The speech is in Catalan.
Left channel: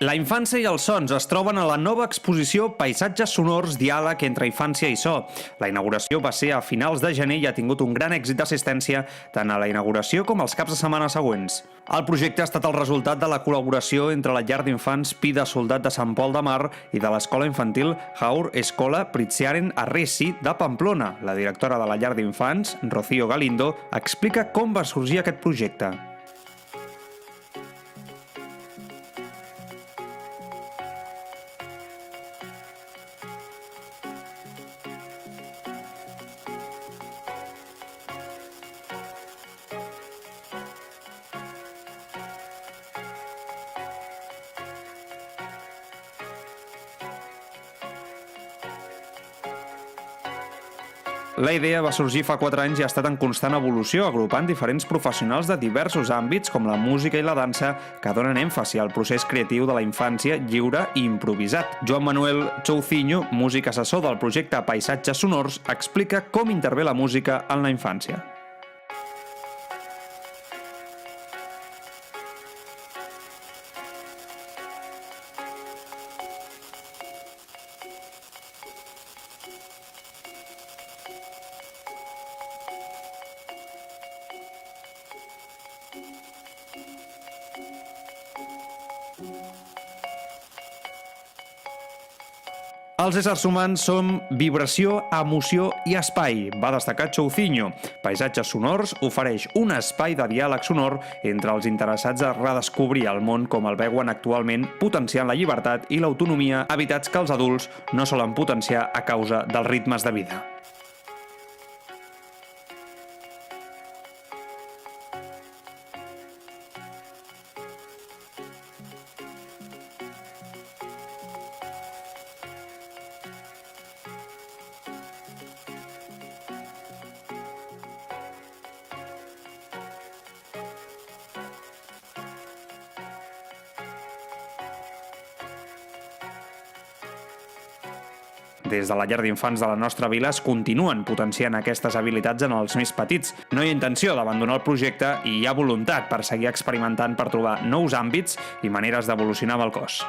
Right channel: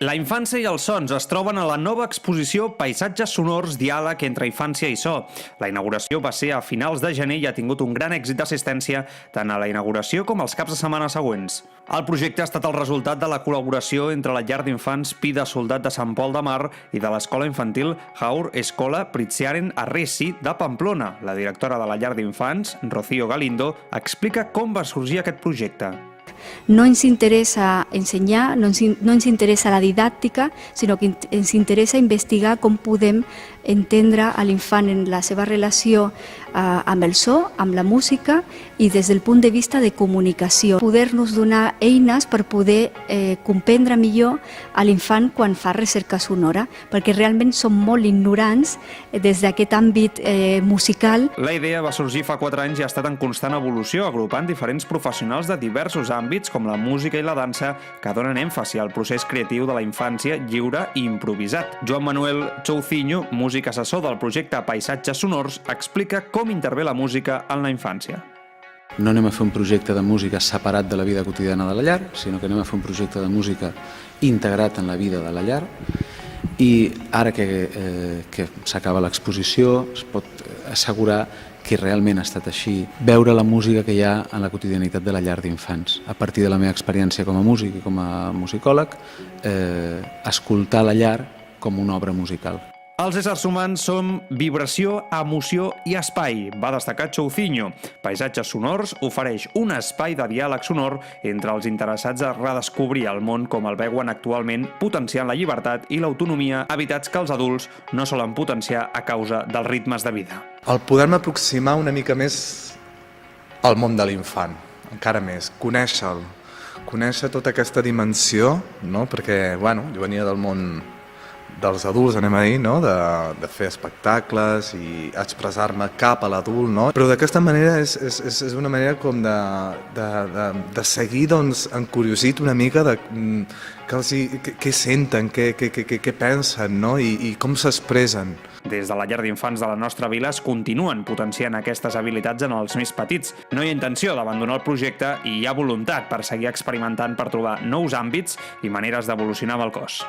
La infància i els sons es troben a la nova exposició Paisatges sonors, diàleg entre infància i so. La inauguració va ser a finals de gener i ha tingut un gran èxit d'assistència tant a la inauguració com als caps de setmana següents. El projecte ha estat el resultat de la col·laboració entre la llar d'infants Pi de Soldat de Sant Pol de Mar i de l'escola infantil Haur Escola Pritziaren Arresi de Pamplona. La directora de la llar d'infants, Rocío Galindo, explica com va sorgir aquest projecte. No ens interessa ensenyar, no ens interessa la didàctica, sinó que ens interessa investigar com podem entendre a l'infant en la seva relació amb el so, amb la música i des del punt de vista de comunicació. Poder-nos donar eines per poder comprendre millor a l'infant quan fa recerca sonora, perquè realment som molt ignorants des d'aquest àmbit musical. La idea va sorgir fa 4 anys i ha estat en constant evolució, agrupant diferents professionals de diversos àmbits com la música i la dansa que donen èmfasi al procés creatiu de la infància lliure i improvisat. Joan Manuel Choucinho, músic assessor del projecte Paisatges Sonors, explica com intervé la música en la infància. No anem a fer un projecte de música separat de la vida quotidiana de la llar, sinó que anem a fer un projecte de música integrat en la vida de la llar i ara que s'acaba l'exposició es pot assegurar que realment ha estat així, veure la música que hi ha en la quotidianitat de la llar d'infants. A partir de la meva experiència com a músic i com a musicòleg, escoltar la llar com una obra musical. Els éssers humans som vibració, emoció i espai, va destacar Choucinho. Paisatges Sonors ofereix un espai de diàleg sonor entre els interessats a redescobrir el món com el veuen actualment, potenciant la llibertat i l'autonomia, hàbitats que els adults no solen potenciar a causa dels ritmes de vida. El poder-me aproximar una mica més al món de l'infant, encara més, conèixer-lo, conèixer tota aquesta dimensió, no? Perquè, bueno, jo venia del món dels adults, anem a dir, no? de fer espectacles i expressar-me cap a l'adult, no? Però d'aquesta manera és una manera com de seguir doncs, encuriosit una mica de què senten, què pensen, no? I com s'expressen. Des de la llar d'infants de la nostra vila es continuen potenciant aquestes habilitats en els més petits. No hi ha intenció d'abandonar el projecte i hi ha voluntat per seguir experimentant per trobar nous àmbits i maneres d'evolucionar amb el cos.